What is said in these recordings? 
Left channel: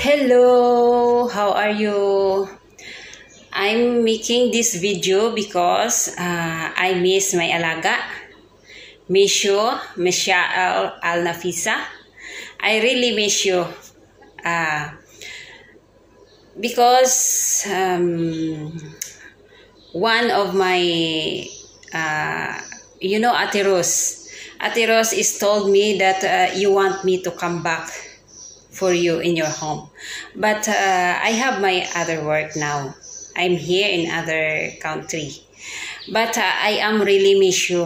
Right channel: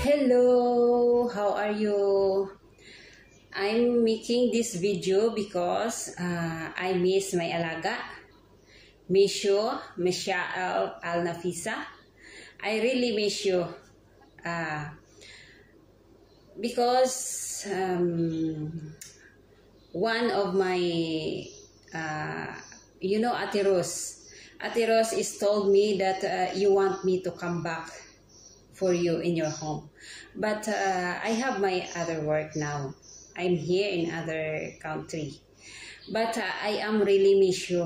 Hello, how are you? I'm making this video because I miss my alaga, Misha Al Nafisa. I really miss you because one of my, Ate Rose is told me that you want me to come back for you in your home, but I have my other work now. I'm here in other country, but I am really miss you.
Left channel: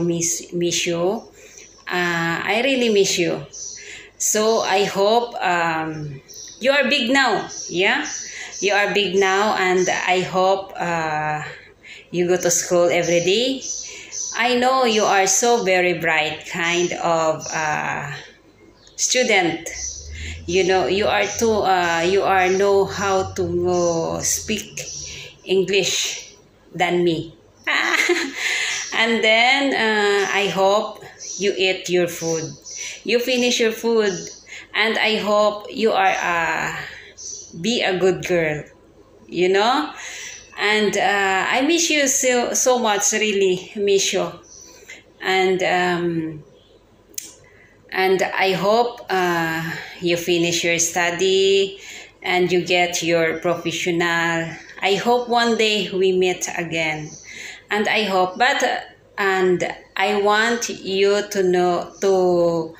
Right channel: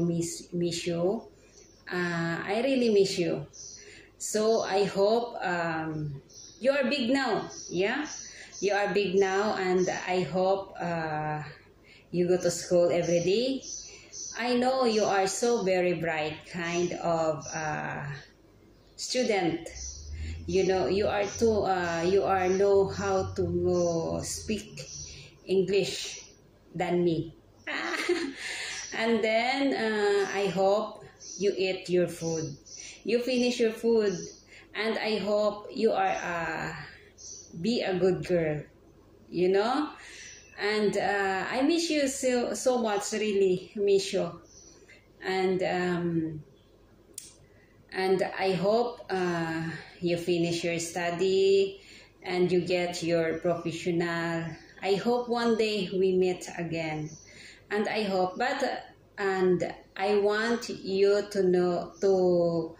I really miss you. So I hope you are big now. Yeah, you are big now, and I hope you go to school every day. I know you are so very bright kind of student. You know, you are know how to speak English than me. And then I hope you eat your food. You finish your food, and I hope you are be a good girl. You know, and I miss you so much. Really miss you, and I hope you finish your study and you get your professional. I hope one day we meet again, and I hope, and I want you to know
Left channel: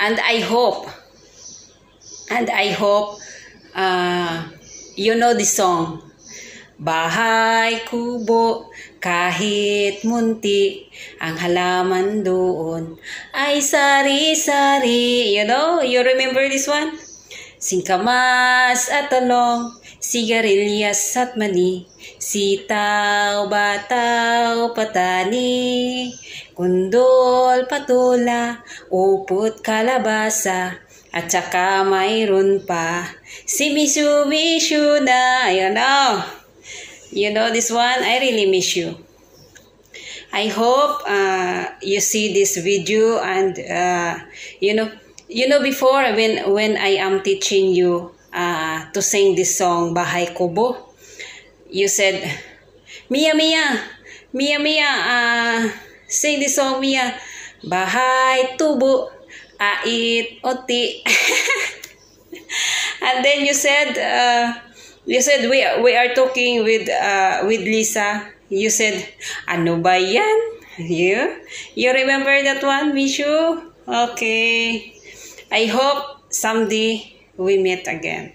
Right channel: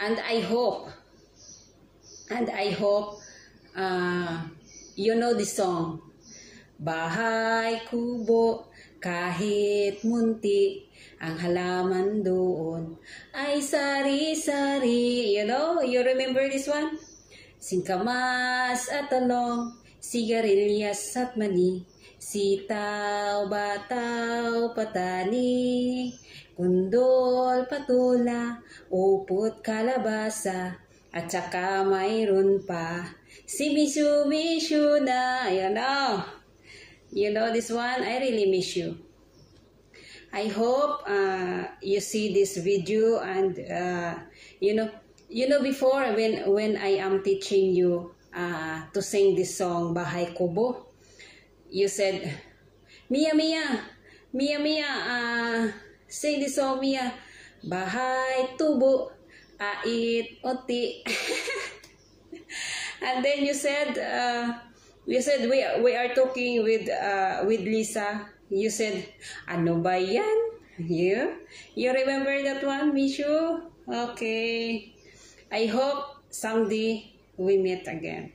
and I hope you know the song, Bahay Kubo, kahit munti, ang halaman doon ay sari-sari. You know, you remember this one? Singkamas at talong, sigarilyas at mani, sitaw, bataw, patani, kundol, patula, upot, kalabasa, at saka mayroon pa si Mishu na. You know this one? I really miss you. I hope you see this video, and you know before when I am teaching you to sing this song Bahay Kubo, you said, Mia, sing this song, Mia. Bahay Tubo, ait oti. And then you said we are talking with Lisa. You said, ano ba yan? You remember that one, Mishu? Okay. I hope someday we meet again.